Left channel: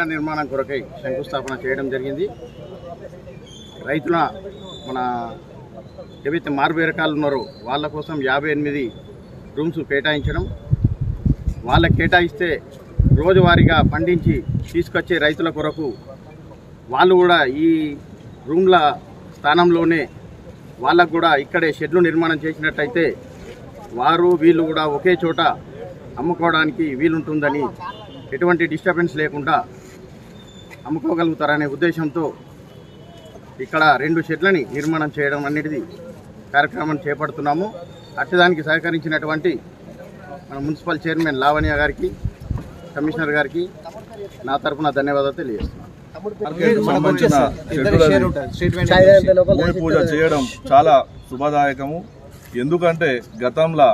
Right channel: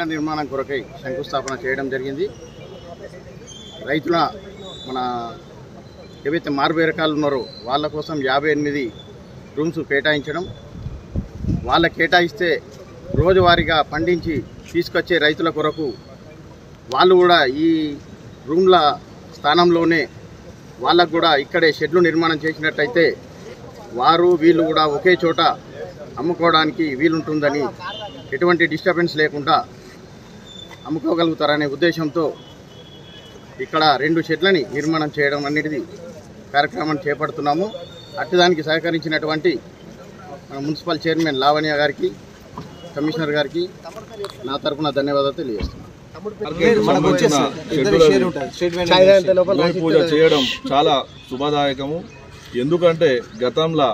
షెడ్ల నిర్మాణం కొరకై శంకుస్థాపన చేయడం జరిగింది. రైతుల మన ఏవైతే మార్బేరకాలు ఉన్నారో వాళ్ళ కోసం 58 రూమ్స్ కేటాయించడం, వాళ్ళ కేటాయిస్తే రోజువారీగా పండించి తీసుకొచ్చే రైతుల కొరకు వాళ్ళు కూడా ఈ రూమ్ల స్థానంలోనే వాళ్ళకు కూడా ఇక్కడే షెడ్లు నిర్మాణం చేసినట్టయితే వీళ్ళు కూడా ఒకే చోట అమ్ముకోవడానికి వీలుంటుందని, ఎటువంటి డిస్టర్బెన్స్ లేకుండా అమ్ముకోగలుగుతారనే ఉద్దేశంతో ఇక్కడ 2 షెడ్లని నిర్మాణం చేయడం అనేది కార్యక్రమం చేపడుతున్నాము. అట్టదానికి సహకరించినటువంటి మన మున్సిపల్ చైర్మన్ లావణ్య గారికి, కమిషనర్ గారికి నా తరఫున ధన్యవాదాలు తెలియజేస్తున్నాను. భూమి పూజ చేయడం చాలా శుభదాయకము. ఎందుకంటే గతంలో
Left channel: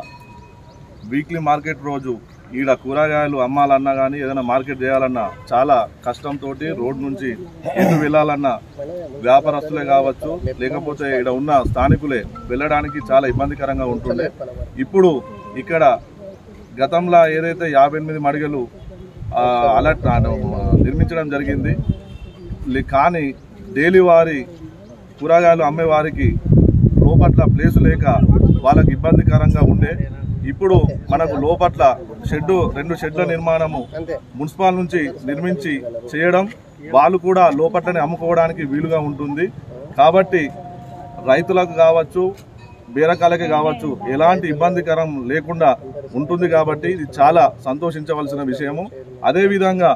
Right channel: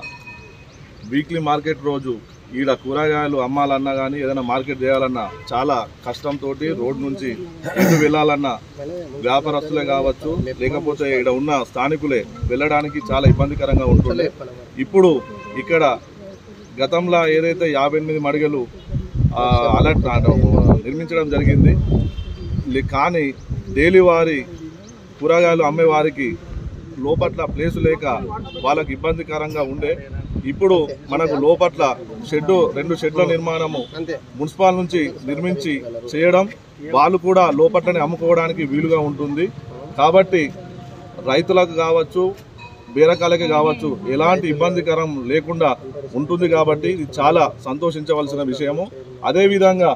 వీక్లీ మార్కెట్ రోజు ఈడ కూరగాయలు అమ్మాలన్నా కానీ ఏదైనా మార్కెట్ చేయాలన్నా చాలా కష్టంతో రోడ్ నుంచి ఎటు వెళ్ళాలన్నా వ్యాపారస్తులే కావచ్చు, లేకపోతే ఇక్కడ ఉన్న స్థానికులే వెళ్ళడానికి చాలా ఇబ్బందికరంగా ఉంటుండే. ఇప్పుడు ఇక్కడ గతంలో ఏదైతే 58 మడిగలు అలర్ట్ నిర్మించడం జరిగింది, కానీ డైలీ వారి కూరగాయలు అమ్మే వారికి లోపట్ల ప్లేసు లేక వాళ్ళకి ఇబ్బందికరంగా ఉండే. ఇప్పుడు మనకు లోపట్ల 2 షెడ్ల నిర్మాణము మున్సిపల్ నుంచి నిర్మించి చేయడం, వాళ్ళు కూడా లోపట్లనే అమ్ముకోవడానికి వీలుగా ఉంటుంది. కాబట్టి రైతులకు కావచ్చు, బేరకాలకి కావచ్చు ఎలాంటి ఇబ్బందికరం లేకుండా ఉంటుంది. కాబట్టి ఇది చాలా సంతోషించవలసిన విషయము. అదేవిధంగా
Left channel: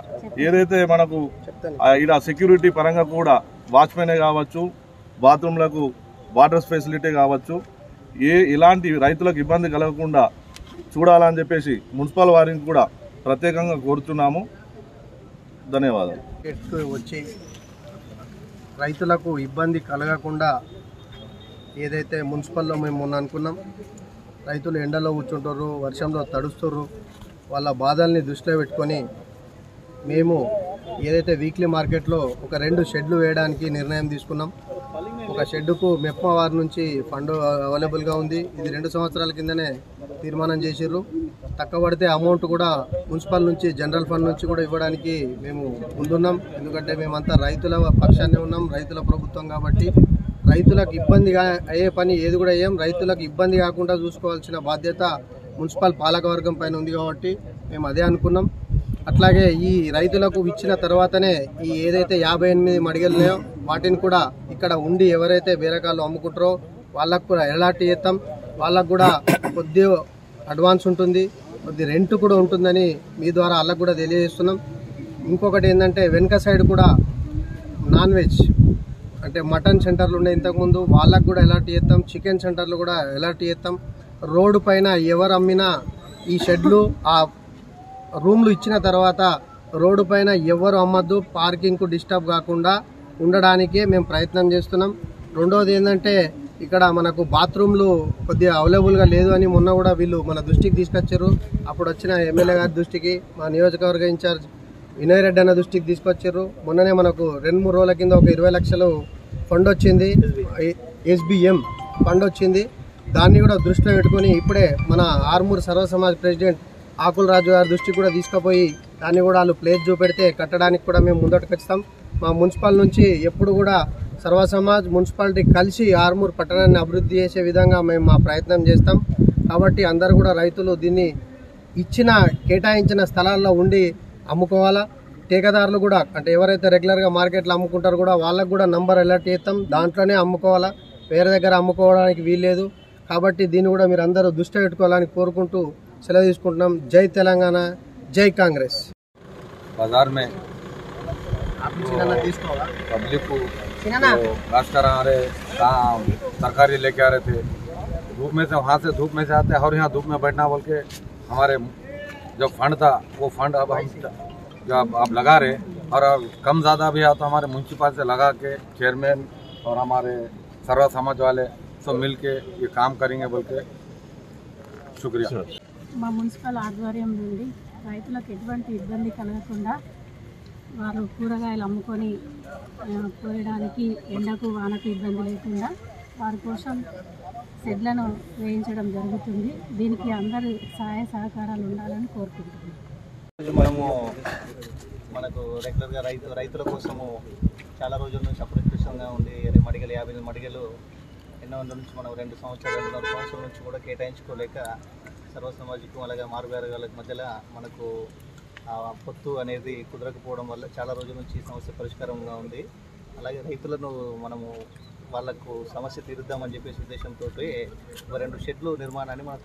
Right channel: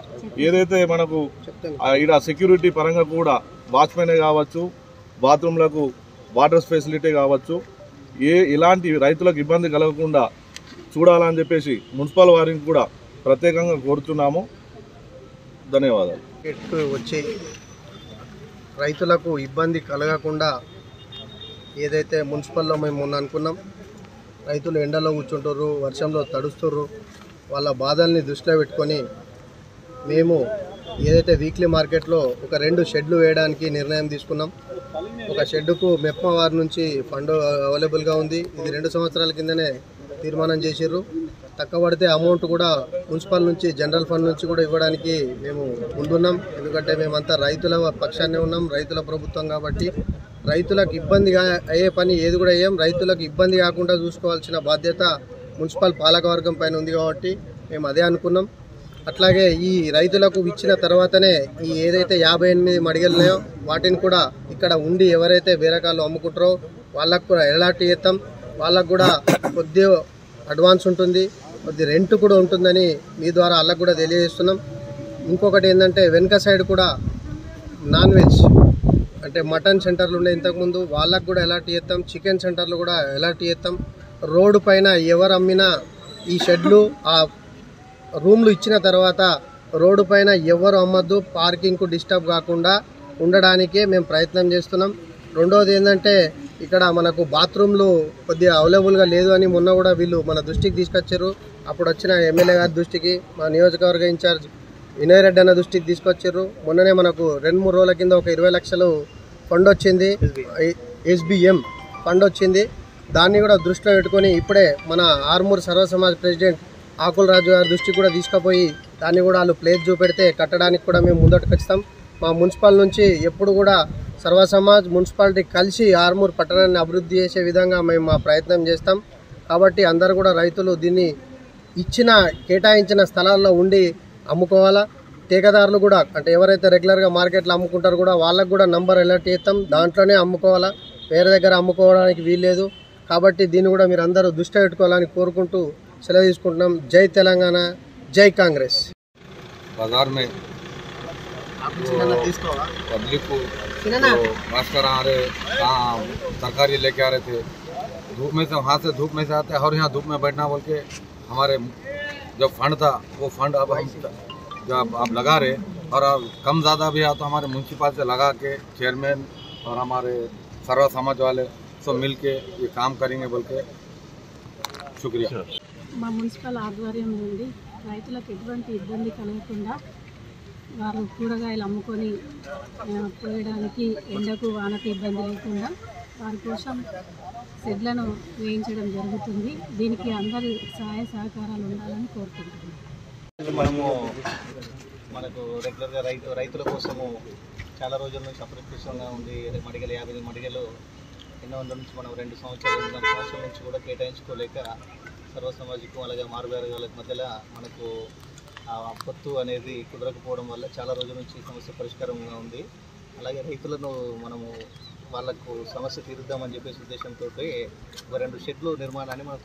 ఏదైతే మనకు ఇక్కడ సెక్యూరిటీ పరంగా కూడా వాచ్మెనే కావచ్చు, బాత్రూంలకు వాటర్ ఫెసిలిటీ కావచ్చు, ఎలాంటి రైతులకు ఇబ్బంది కలగకుండా చూడాలని చెప్పేసి మున్సిపల్ వారిని కూడా ప్రత్యేకంగా కోరుతున్నాము. ధన్యవాదాలు. వచ్చి రైతులకు ఇబ్బంది కలగకుండా ఏదైతే మున్సిపల్లో మేము మొన్న అనుకున్నాం, రైతులు ఎండలో కూర్చుంటారు, వర్షంలో తడుస్తుర్రు, వాళ్ళ బాధల్ని దృష్టిలో పెట్టుకొని మేము ఏదైతే వీక్లీ మార్కెట్లో ఒక 2 షెడ్లు వేయడానికి నిర్ణయం తీసుకున్నాం. ఒక షెడ్డుకు మెప్మా వారి నుంచి ఫండ్ అవైలబుల్గా ఉంది. ఇది 2 సంవత్సరాల కిందనే తీర్మానం చేసిర్రు. తక్కువ పడితే అమౌంట్ కూడా మున్సిపల్ నుంచి, జనరల్ ఫండ్ నుంచి కూడా ఇవ్వడానికి మేము ముందున్నాం. ఎందుకంటే మేమంతా రైతుల పక్షాన్నే ఉన్నాం, రైతుల ప్రభుత్వం కాబట్టి రైతులకు ఇబ్బందిగా అయ్యే పని ఏది కూడా అయ్యాం. రైతులకు ఇబ్బంది కాకుండా చూసుకోవాల్సిన బాధ్యత మున్సిపల్ పాలకవర్గం పైన ఉంది కాబట్టి మేము అదే అనుకున్నాం. అట్లాగే ఈ రైతులకు ఇచ్చిన తర్వాతనే ఈ ఏదైతే 58 మడిగలు ఉన్నాయో వాటిని కూడా ఇక్కడ ఉండి ఎవరైతే బేరకాలు అమ్ముకుంటారో వాళ్ళకు కూడా ఎలాంటి చేస్తాం. వాళ్ళకు కూడా కొద్ది అడ్వాన్స్ ఉంటుంది, కొద్ది రెంట్ కూడా ఉంటుందని మీ ద్వారా వాళ్ళకు కూడా తెలియజేస్తున్నాం. ఇంకొకటి ఏంటంటే వెనుక సైడ్ కూడా నాన్ వెజ్ అంటే మటన్ సెంటర్లు ఉండే ఇంతకుముందు, వాళ్ళకు కూడా ఎలాంటి చేస్తాం. చికెన్ సెంటర్లు కూడా ఎలాంటి చేస్తాం. రోడ్డు పైన ఎవరు అమ్మినా ఈ షెడ్లు ఆ రూమ్లు ఇచ్చిన తర్వాత రోడ్డు పైన ఎవరు అమ్మద్దు, పార్కింగ్కు డిస్టర్బ్ కాకుండా ఉండడానికే మేము ప్రయత్నం చేస్తున్నాం. రెండోది ఏంటంటే ఇక్కడ మనకు బాత్రూమ్లు కొద్దిగా అవైలబుల్గా లేదు అని మొన్న కూడా వీళ్ళు మన దృష్టికి తీసుకొచ్చారు. అప్పుడు వచ్చిన ఎమ్మెల్యే గారి దృష్టికి, మా నియోజకవర్గ ఇన్ఛార్జ్ వినయ్ రెడ్డి అన్న దృష్టికి తీసుకొచ్చారు. మొన్ననే మనకు 2-3 రోజుల కింద ఒక 20 లక్షలు ఫండ్ వచ్చింది, SBM ఫండ్ వచ్చింది. దాన్ని కూడా దృష్టిలో పెట్టుకొని ఇప్పుడే మన ఆర్మూర్ సర్వ సమాజ్ ప్రెసిడెంట్ ఆకుల రాజు గారి దృష్టికి కూడా తీసుకుపోయి దాన్ని కూడా వాళ్ళు ప్లేస్ చూపెడితే కట్టడానికి కూడా మేము ముందటకు వస్తాం. మా మున్సిపల్ నుంచి ఎప్పుడు కూడా సర్వ సమాజ్ మున్సిపాలిటీ కలిసి ఆర్మూర్ పట్టణాన్ని అభివృద్ధి చేసే విధంగా మేము మా ప్రయత్నం చేస్తాం. కాబట్టి అందరూ కూడా రైతులు దీన్ని కేటాయించిన స్థలాల్లో ఉండి అమ్ముకోవాలా. ఠేకాదారులు కూడా అంటే ఎవరైతే రెగ్యులర్గా మార్కెట్లో అమ్ముకుంటారో కూడా వాళ్ళకు కూడా నంబర్ అలర్ట్ చేస్తాం, దాంట్లోనే అమ్ముకోవాలా, వేరే దగ్గర అమ్ముకోవడానికి వీల్లేదు. కాబట్టి దీన్ని కూడా మీరు అందరూ దృష్టి పెట్టుకోవాలని కోరుకుంటూ సెలవు తీసుకుంటున్నాం. జై తెలంగాణ, జై కాంగ్రెస్. बाजार में पब्लिक को रास्ता आ रहे तरकारी लेके आ रहे थे, धूप में से, वहाँ से धूप में से आते हैं और यहाँ धूप में बैठना बोल के हमारे जो फंड था वो फंड अब हम जब आप लगा रहे और अब कम ज़्यादा भी आ तो हमारे म्यूनसिपल से लगा के चेयरमैन और हमारे सर्व समाज वाले सब मिल के ये काम करेंगे बोल के शुक्रिया. మా మున్సిపల్ ఆధ్వర్యం నుండి రైతులకు ఎటువంటి ఇబ్బంది కలగకుండా వారు కూరగాయలు అమ్ముకొని పోయడానికి ఎండకు వానకు ఇబ్బంది లేకుండా వారి కోసం షెడ్లను వేయించడం జరుగుతుంది. దీనికి అందరి సహాయ సహకారాలు ఉండాలని కోరుకుంటున్నాను. మనము మనకు రెగ్యులర్గా రైతుల కోసము చాలా రోజుల నుంచి అప్రత్యక్షంగా ఉంది. మడిగలు 50 మడిగలు ఎన్నో వందల నుంచి మనం 2 సంవత్సరాల నుంచి కూడా కేటాయించుకోలేక సర్వసమాజికం అలాగే మారువేరగాల మధ్యలో మనకు పొత్తు అనేది కుదరకపోవడం వల్ల చాలా రోజుల నుంచి ఈ సమస్య పరిష్కారంగా ఉంది. అలాగే రైతులను మనము వాళ్ళకు సమస్య తీరుద్దామని చెప్పేసి ఉద్దేశంతో ఒక 2 షెడ్లు నిర్మాణాన్ని మనం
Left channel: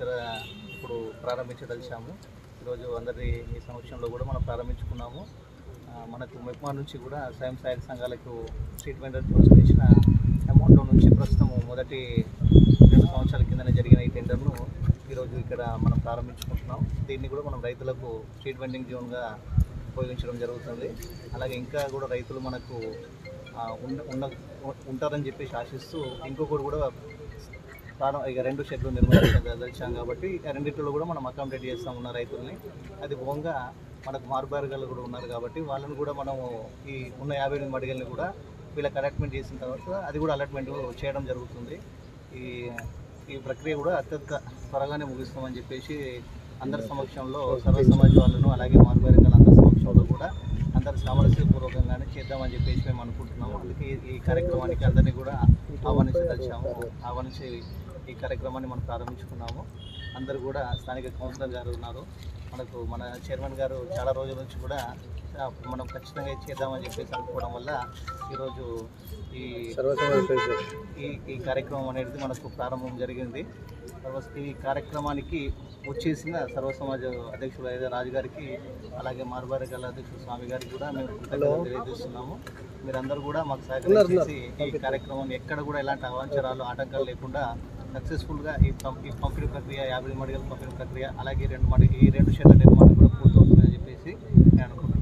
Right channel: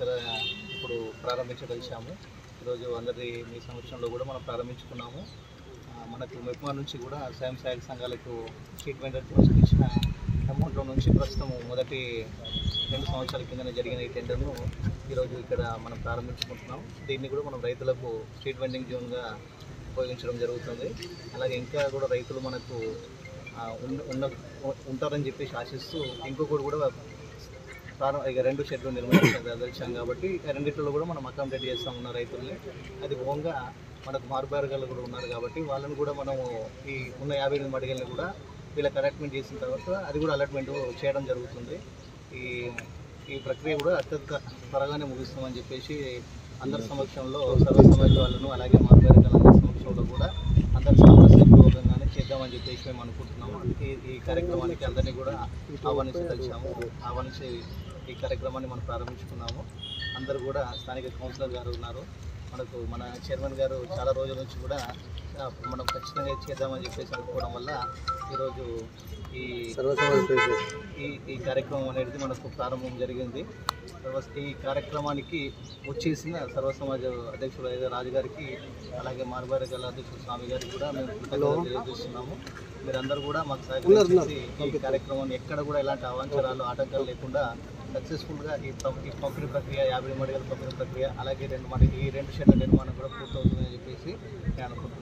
ఇప్పుడు ప్రారంభించదలిచాము. ఈరోజు అందరి మీ సమక్షంలో కూడా మనం ప్రారంభించుకున్నాము. మనకు మెప్మా నుంచి కూడా స్వయం సహాయక సంఘాలకు స్ట్రీట్ వెండర్ కోసం ఇచ్చిన అమౌంట్లో నుంచి ప్రస్తుతం మొదటి 2 సంవత్సరాల కిందనే జరిగిన ఈ టెండర్ను ఈరోజు ఇక్కడ మనం ప్రారంభించుకుంటున్నాం. దీన్ని కూడా మనం రైతులకు స్ట్రీట్ వెండింగ్ జోన్గా ఉపయోగించడం జరుగుతుంది. అలాగే ఇంకా కూడా రైతులు మనకు ఉంటారని చెప్పేసి ఆశిస్తూ ఇంకొకటి కూడా ఇక 2 షెడ్లు నిర్మించాం కాబట్టి రెండిట్లో కూడా మనం అకామిడేట్ చేస్తాం ఉన్న రైతుల్ని. అది ఓన్గా మనకు మారుబారుగాలు కూడా ఉన్నారు కాబట్టి వాళ్ళని కూడా మనము ఈ ఉన్న 58 మడిగల్ని కూడా వీళ్ళకి అలాట్మెంట్ చేసిన తర్వాత అది కూడా అలాట్మెంట్ చేయడం జరుగుతుంది. ఈ ప్రక్రియ కూడా అత్యంత త్వరగానే ముగిస్తామని చెప్పేసి అందరి సమక్షంలో సర్వ సమాజ్ వాళ్ళను అలాగే మారుబారుగాల అందరి సమక్షంలో కూడా అందరి సామరస్యపూర్వకంగానే చేద్దామని చెప్పేసి మేము అనుకుంటున్నాము. అందుకే ఈ కార్యక్రమానికి అందరినీ కూడా ఆహ్వానించి ఈ కార్యక్రమాన్ని మనం ప్రారంభించుకున్నాము. అందరూ కూడా స్థానిక కౌన్సిలర్ గారు ఉన్నారు, మనకు మన చైర్మన్ గారు చాలా రోజుల నుంచి కూడా మనం ఖచ్చితంగా చేద్దామని చెప్పేసి అనుకోవడం వల్ల ఈరోజు ఈ కార్యక్రమం అనేది మనకు ప్రారంభం జరిగింది. ఈ కార్యక్రమానికి వచ్చేసిన సర్వ సమాజ అధ్యక్షుడు అయితే రాజు గారికి అలాగే మారుబారుగాల అధ్యక్షుడు స్వామి గారికి కూడా మేము కృతజ్ఞతలు తెలియజేస్తున్నాము. మీరందరూ కూడా మాకు సహకరించి ఈ కార్యక్రమాన్ని ఎక్కడ కూడా ఎలాంటి అవాంఛనాలు ఆటంకాలు లేకుండా సక్సెస్ఫుల్గా ఈ పంపిణీ ప్రక్రియ 50 మడిగల పంపిణీ ప్రక్రియ అలాగే ఈ 2 షెడ్ల నిర్మాణం కూడా పూర్తవుతుందని చెప్పేసి నేను అనుకుంటున్నాను.